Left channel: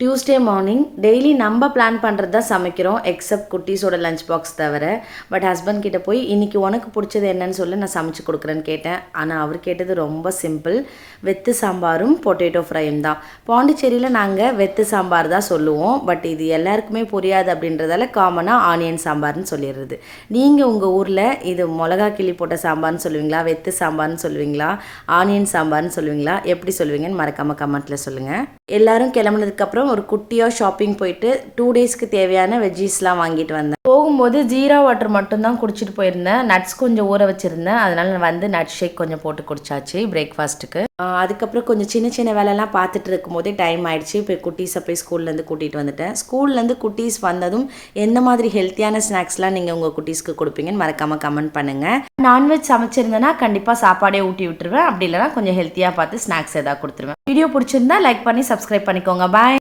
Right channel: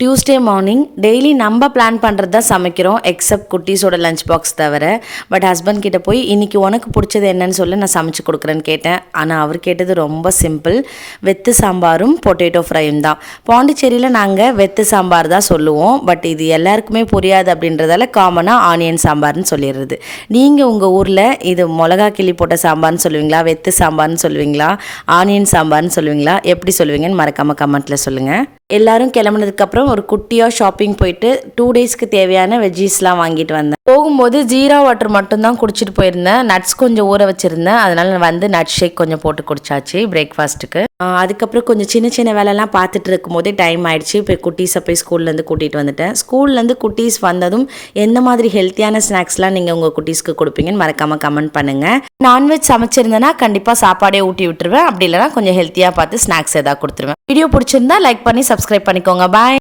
Tuesday morning daily நம்ம plan பண்ணுறது தான் சமைக்கிறோம், எக்ஸப்ட் குட்டீஸோட லஞ்ச் பாக்ஸ் தவிர. பட் ஹஸ்பண்ட் கிட்ட போய் இன்றைக்கி உனக்கு பிடிச்சது என்னன்னு சொல்லி நான் சமைச்சு கொடுக்குறேன்னு கேட்டேன். ஆனால் அவர் கேட்டது ரொம்ப சிம்பிள், வெத்து சாம்பாரும் பொட்டேட்டோ ஃப்ரையும் தான். பாண்டிச்சேரியில் நாங்கள் வெத்து சாம்பார் தான் சொல்லுவோம், பட் இது எல்லாருக்குமே புரியாது அப்படின்றதால காமனாக ஆனியன் சாம்பார்னு சொல்லிடுறது. நீங்கள் உங்கள் ஊரில் இது மிளகா கிள்ளி போட்ட சாம்பார்னு சொல்லுவீங்களா, வெத்து சாம்பார்னு சொல்லுவீங்களா, ஆனியன் சாம்பார்னு சொல்லுவீங்களா, எப்படி சொல்லுவீங்கன்னு மறக்காமல் கமெண்ட்டில் சொல்லுங்கள். எல்லோரும் கிளம்புனதுக்கப்புறம் ஒரு குட்டியாக ஷாப்பிங் போயிட்டு 2 டேஸ்க்கு தேவையான வெஜ்ஜீஸ்லாம் வாங்கிட்டு வந்தேன். போகும்போது ஜீரா வாட்டர் மட்டும்தான் குடிச்சிட்டு போயிருந்தேன். நட்ஸ் கொஞ்சம் ஊற வச்சுருந்தேன், அதனால் நான் வந்து நட் ஷேக் கொஞ்சம் போட்டு குடிச்சாச்சு பிரேக்ஃபாஸ்ட்டுக்கு. அதுக்கப்புறம் கொஞ்சம் சின்ன சின்ன வேலைலாம் பார்த்துட்டு இருக்கும்போதே டைம் ஆயிடுச்சு. இப்போ குட்டீஸை போய் ஸ்கூல்லேருந்து கூட்டிகிட்டு வந்துட்டேன். ஸ்கூல்லேருந்து குட்டீஸ் வந்ததும் எந்த மாதிரி ஹெல்த்தியான ஸ்நாக்ஸ்லாம் நீங்கள் உங்கள் குட்டீஸ்க்கு கொடுப்பீங்கன்னு மறக்காமல் கமெண்ட் பண்ணுங்கள். நான்வெஜ் சமைச்சிருந்தேன்னா கண்டிப்பாக சாப்பாடே ஊட்டி விட்டுருவேன், அப்படி இல்லைனா கொஞ்சம் ஹெல்த்தியாக பார்த்து ஸ்நாக்ஸ் எதாவது கொடுத்துருவேன். வீடியோ பிடிச்சிருந்தா லைக் பண்ணி சப்ஸ்கிரைப் பண்ணிக்கோங்க. பாய்.